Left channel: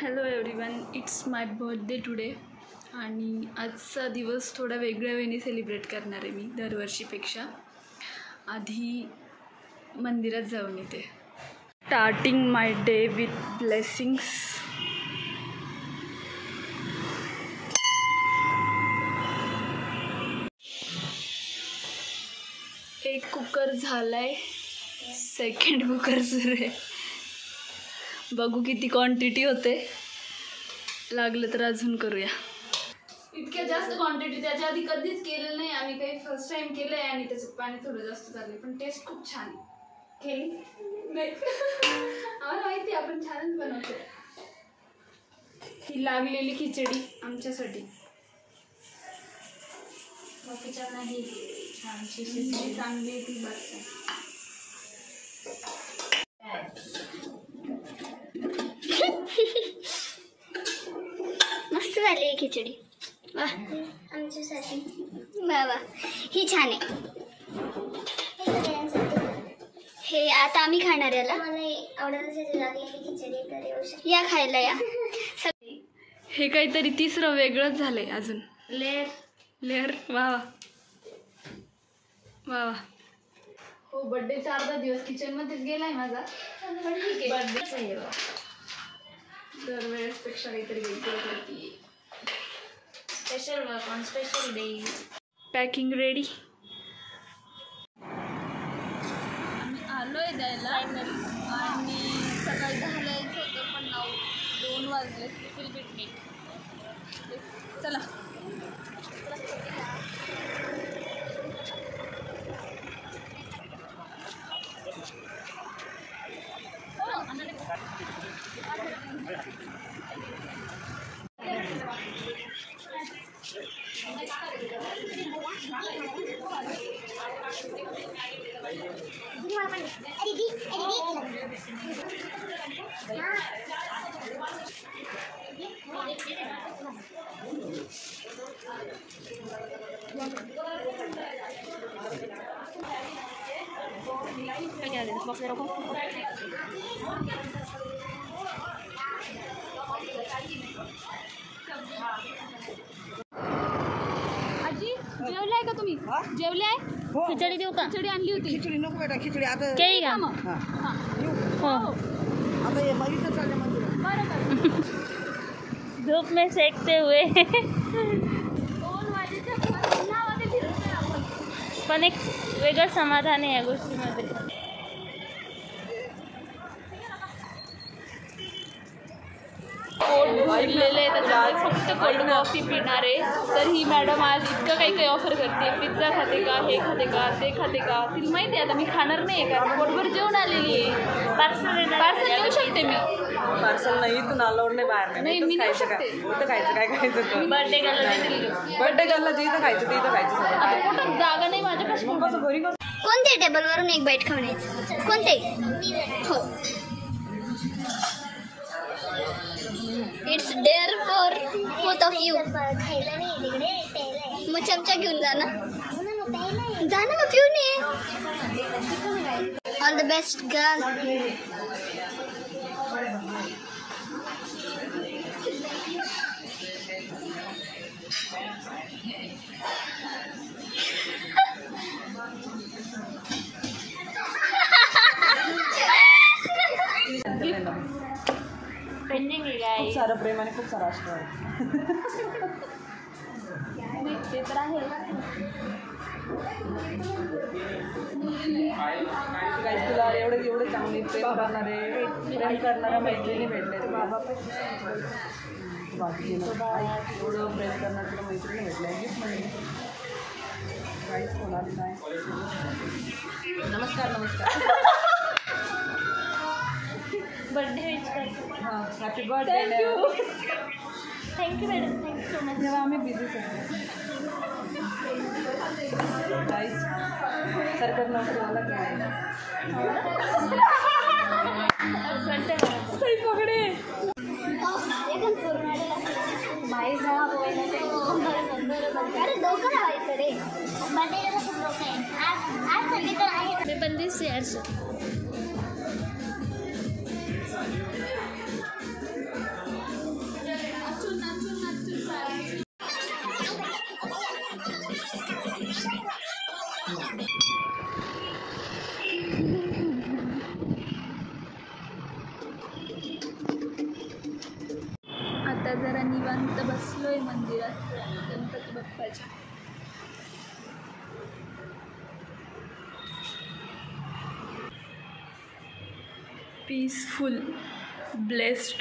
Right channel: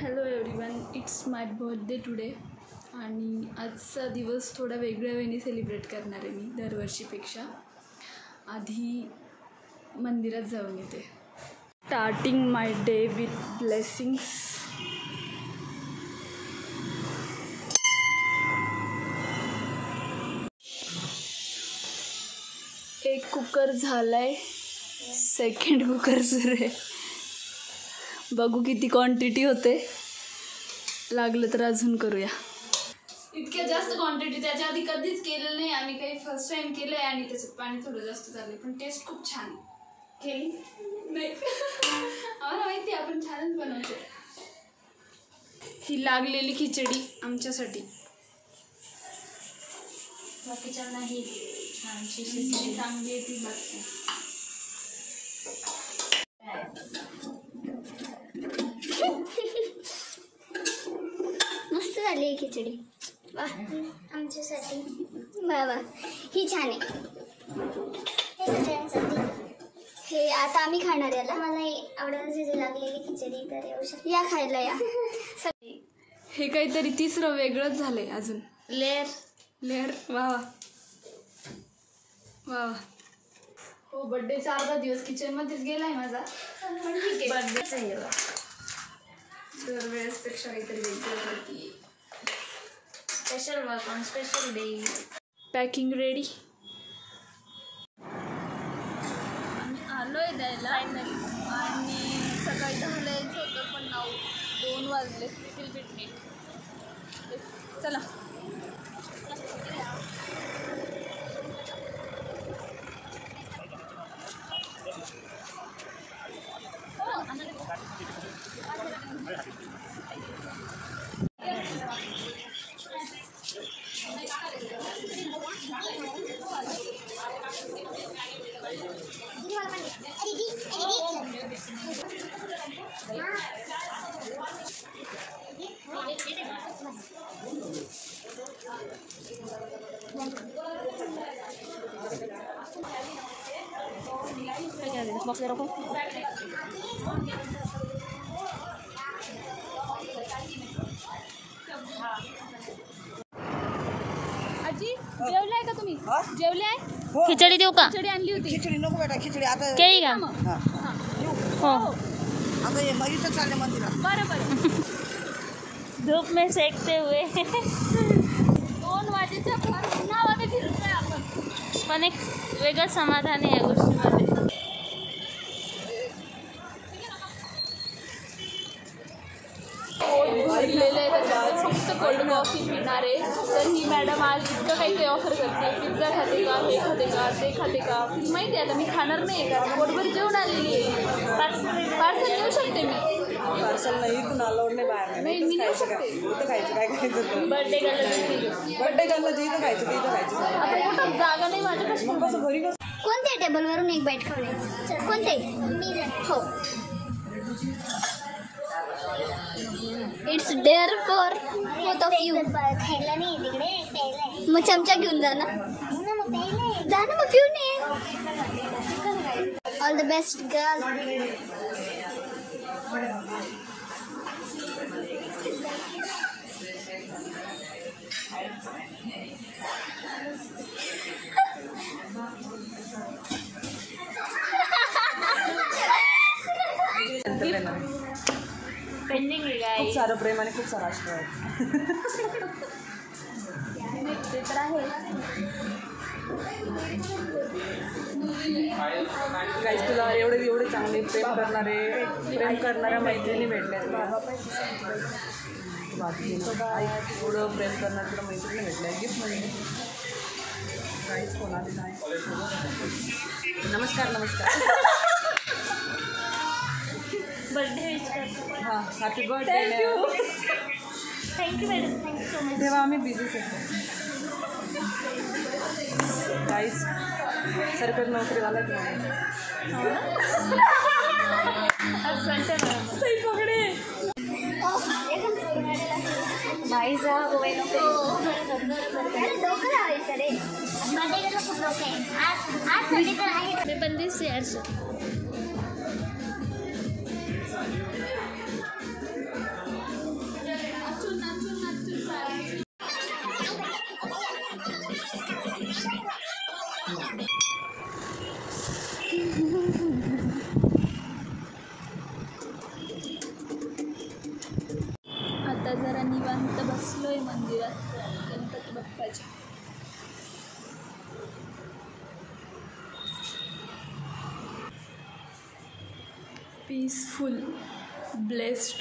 Hello everyone, it's my birthday today आणि आजचा दिवस थोडा वेगळ्या वेळी सेलिब्रेट करणार आहे मी दरवर्षीपेक्षा. आधी मंदिरात जाऊन येते. Starting my day with blessings. एक कुकर झालाय, सेकंड कुकर सुरू आहे. बघू किती क्वांटिटी होते, लागलं तर अजून करूया. इतक्या जास्त क्वांटिटी त्याच्या आधी कधीच केलेलं नाही आम्ही, काही फर्स्ट टाइम केलं आहे आणि त्याच्यात पाणी थोडं जास्त झालं, पण टेस्ट खूप छान केली नाही. आम्हाला माहिती आपण छानच बनवतो. ही लागलेली खिचडी आमच्यासाठी, बाकीच्या नाही. छानशी शिजली चांगली आहे ती बाकी. मस्त झाली खिचडी. वाह, आमच्यासाठी वा वा. ही छान आहे. हे आता आम्ही खाणार याला. मला आवडत लागलेली खिचडी, तर येऊ शकते या खायला या. हे काहीतरी तिसरं वेगळंच झालंय. अजून लेअर वा वा वा वा. हो, बर्थडेचा अर्धा दिवस किचनमध्येच गेलाय माझा, पण ठीक आहे. बर्थडेच आहे दरवेळेसपेक्षा काहीतरी वेगळं करते. Special work on special day. Packing ready आणि आलोय द्यायला. आणि सकाळी 10ला यायचं होतं, पण 2 वाजले. Little bit late. चला. आजी जेवलाय का तुम्ही? जेवलाय? खिचडी देऊ का? खिचडी आणली होती. खिचडी नको बेटा, खिचडी आता केळी का? हो. आता ये मरीच चालले मंदिरात. बरं. धूप में सेकते हुए 2 वाजेच्या उन्हामध्ये फिरतोय आपण, पण एक वेगळं समाधान आहे या गोष्टीमध्ये. पोट भरलेलं आहे, त्याच्यामुळे फक्त कोल्ड कॉफी पिणार आहे. तर ही मॅडम आज इतकं काही ऑफर करते. पिझ्झा खाते का, हे खाते का, ते खाते का. तिला माहिती आहे आता मी खाणार नाही, कारण पोटभर जेवण आलेली आहे. पार्सल घेऊ शकते मी. पार्सल नाही, इथून अलाउड नाही बाहेर. नाही, मी नेऊ शकते. इथं खायचं, काय खायचं? बर्थडे गर्लला बर्थडे गर्लला जिथं खायचं तिथं खायचं. आता पोटात जागा नाही माझ्यापाशी. कसं घरी कसं? कोणत्या टेबलवरून एक बाईट खाण्याचं? कोणते? हो, it's there for both of you. खायला नाही तिकडे, मग चमचा घेऊन जा ना. मग पिऊन ये. All the best girl. Pending आहे. खूप सारं प्रेम आणि खूप सारा आशीर्वाद. ते तर आहे. गाईस, तुला एवढे चांगले प्रेम करणाऱ्या मैत्रिणी भेटल्या. बाबा पण एवढं प्रेम करणाऱ्या तुला मैत्रिणी भेटल्या. गिफ्ट म्हणजे गाईस कोणाली नाही. नमस्कार. बर्थडे विश करतो. हां, happy birthday. Thank you madam, thank you so much. तेव्हा आम्ही बिझीच होतो. गाईस, सरकारी नोकरी वाला की आहे. असं वाटतंय मला. सही पकडे. मी पण दिसते यार. आता जरा निवांत बसलोय मंदिरात गणपती बाप्पाच्या. Peaceful, blessed.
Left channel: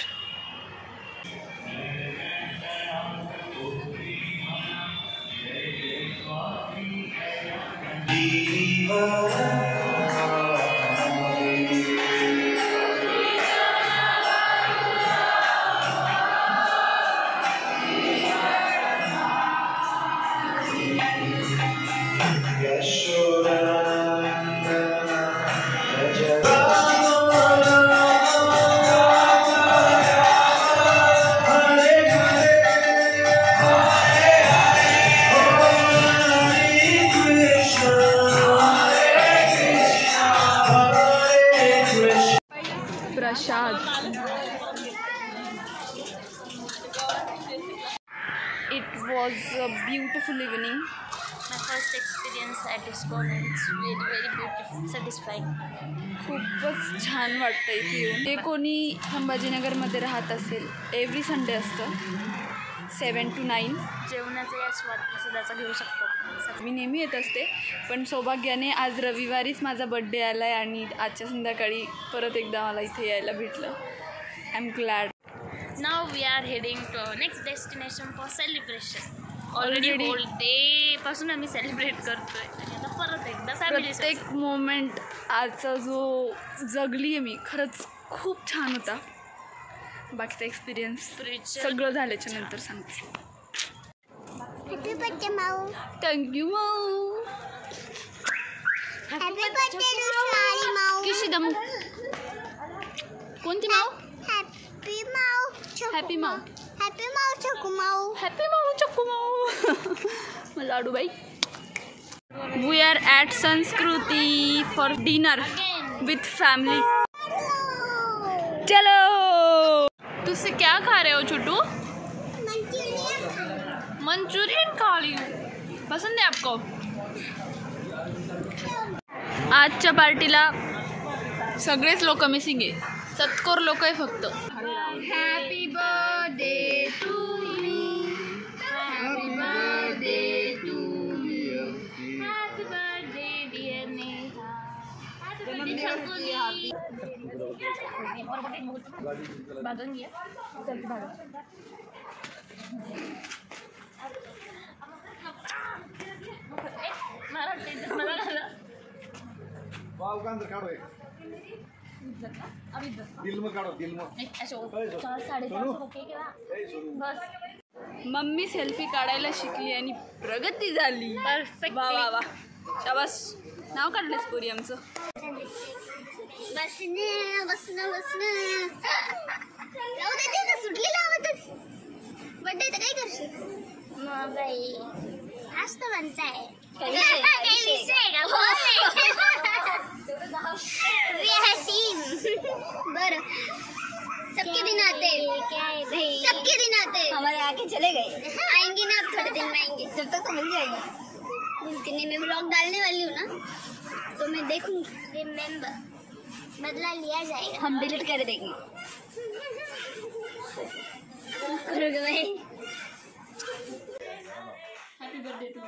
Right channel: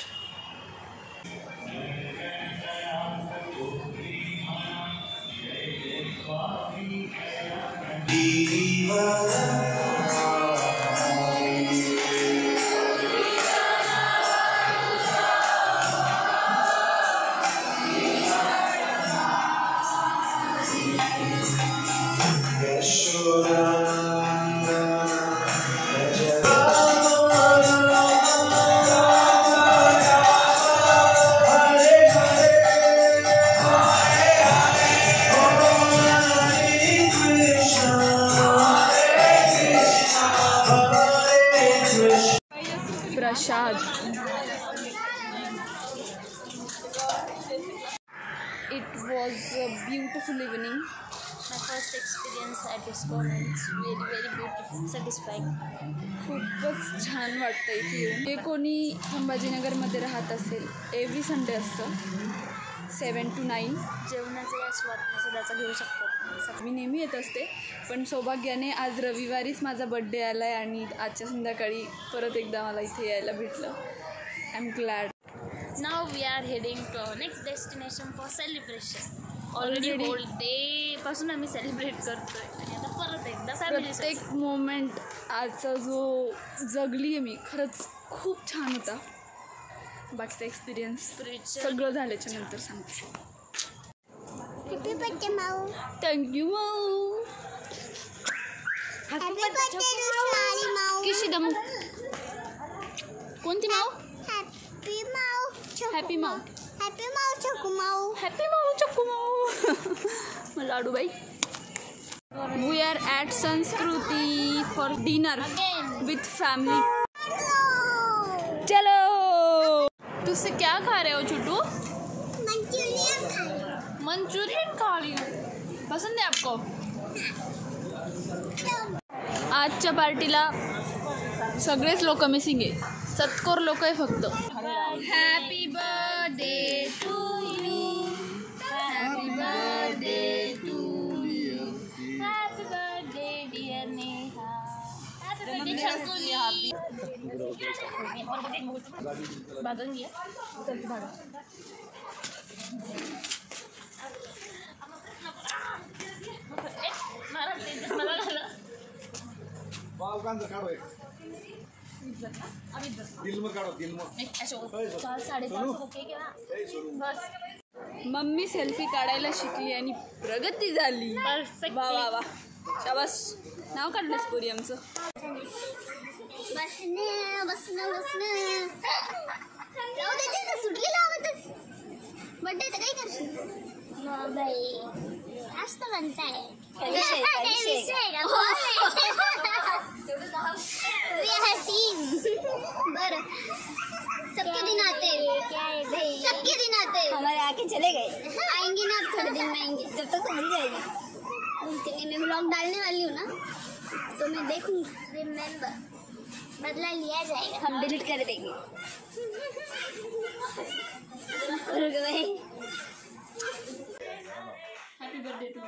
Prasad. It was a beautiful evening. My first experience at ISKCON and it's very very beautiful, satisfying. खूपच छान वाटतं इथे येऊन. जे कोणी संभाजीनगरमध्ये राहत असेल, एव्हरी संडे असतं 7 to 9. जेवणाचा या स्वाद प्रसादाचा घेऊ शकतात. मी नेहमी येत असते, पण सौभाग्याने आज रविवारीच माझा बड्डे आला आहे आणि आजच्या संध्याकाळी परत एकदा मला इथे यायला भेटलं. I am glad. Now we are heading to our next destination for celebration. Already whole day पासून आम्ही सेलिब्रेट करतोय आणि आता परत एकदा फॅमिली. प्रत्येक मोमेंट आजचा जो जगली आहे मी, खरंच खूप छान होता. बाकीचा एक्सपिरियन्स सगळं झाल्याच्या नंतर सांगते. हॅपी बर्थडे माऊ. थँक्यू माऊ. हॅपी बर्थडे रुशाली माऊ. किशी दमू. कोणती माऊ? हॅपी माऊ. हॅपी माऊ. हॅपी माऊ चकू माऊ. हॅपी माऊ चक्कू माऊ. लाडूबाई. वी आर ॲट संस्कृती फॉर डिनर विथ फैमिली. चलो. तुझसे क्या खा रहे हो छोटू? मंचूरियन खा रही हूँ. पसंद है आपको? आजच्या पार्टीला सगळेच लोक मिसिंग आहे. सत्कोर लोक आहे फक्त. Happy birthday to you. Happy birthday to you. Happy birthday dear Neha. Happy birthday Chakuli. भाजून घ्या. चल ती भाजून. मला झालं. बस. मम्मी सेल्फी काढायला शिकली आणि प्रगती झाली. परफेक्ट. वा वा वा. शाबास. नाव काढलंस पोरी आमचं. बसने बसने बसने जाऊ दे ना. सुटली लावतच. बर्थडे तर काय करशील बाई. आज तर म्हणताय काय विषय का? बरं. सबके दिन आते हैं. सबके दिन आते हैं. हमारे आके चले गए. आएंगे ना अब थोड़े दिन में आएंगे. जब तक तो मिल जाएगा. बोलते नहीं. मैं व्लॉग डालने वाली हूँ ना, तो मैं देखूंगी. रिमेम्बर बदला लिया जाएगा. हम डिलीट कर देंगे. Happy birthday to you.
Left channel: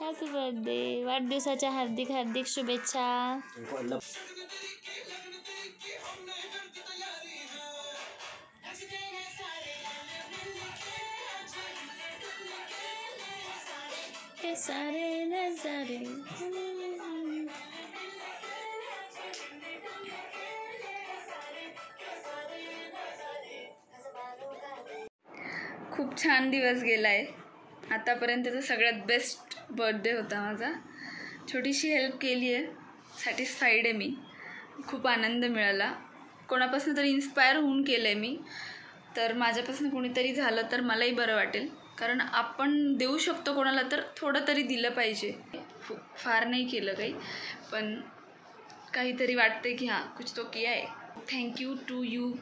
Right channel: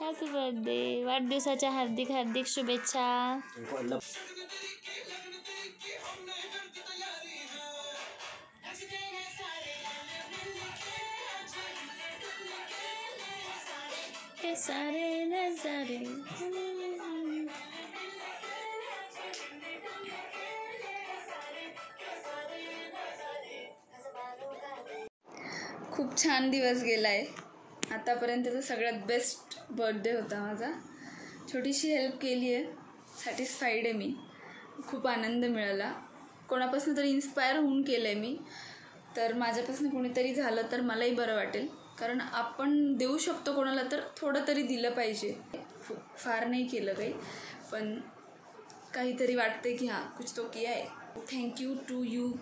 Happy birthday. वाढदिवसाच्या हार्दिक हार्दिक शुभेच्छा. हे सारे नजारे. खूप छान दिवस गेला आहे. आतापर्यंतचा सगळ्यात बेस्ट बर्थडे होता माझा. छोटीशी हेल्प केली आहे, सॅटिस्फाईड आहे मी. खूप आनंद मिळाला. कोणापासून तरी इन्स्पायर होऊन केलं आहे मी. तर माझ्यापासून कोणीतरी झालं तर मलाही बरं वाटेल. कारण आपण देऊ शकतो कोणाला तर थोडं तरी दिलं पाहिजे. फार नाही केलं काही, पण काहीतरी वाटते की हां कुछ तो किया आहे. Thank you to you.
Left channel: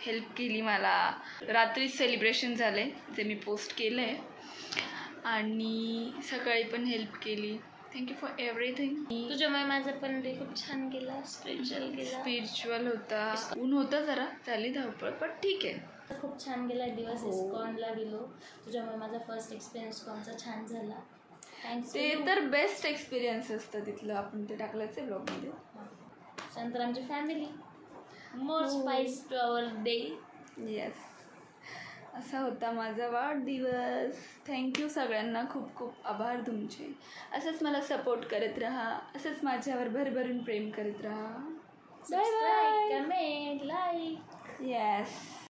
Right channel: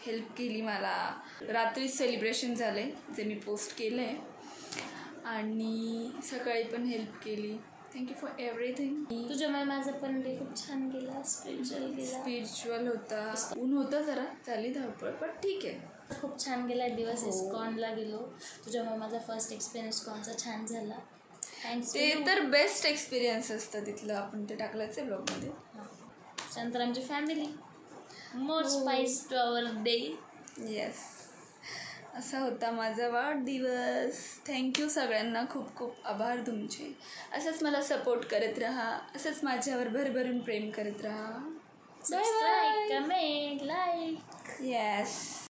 हेल्प केली मला. रात्रीच सेलिब्रेशन झालं आहे जे मी पोस्ट केलं आहे, आणि सकाळी पण हेल्प केली. Thank you for everything. तुझ्यामुळे माझा पण डे खूप छान गेला. स्पिरिच्युअल गेला. स्पिरिच्युअल होता. ऊन होता जरा, झाली धावपळ, पण ठीक आहे. खूप छान गेला दिवस. इस्कॉनला गेलो. तुझ्यामुळे माझा फर्स्ट एक्सपिरियन्स इस्कॉनचा छान झाला. थँक्स. ते तर बेस्ट एक्सपिरियन्स असतं तिथलं. आपण ते टाकलंच आहे ब्लॉगमध्ये. त्यानंतर आमची family. More spice to our day. Yes, असा होता माझा वाढदिवस. थँक्यू सगळ्यांना, खूप खूप आभार तुमचे. असंच मला सपोर्ट करत राहा, असंच माझ्यावर भरभरून प्रेम करत राहा. Bye bye. Comment, like. Yes.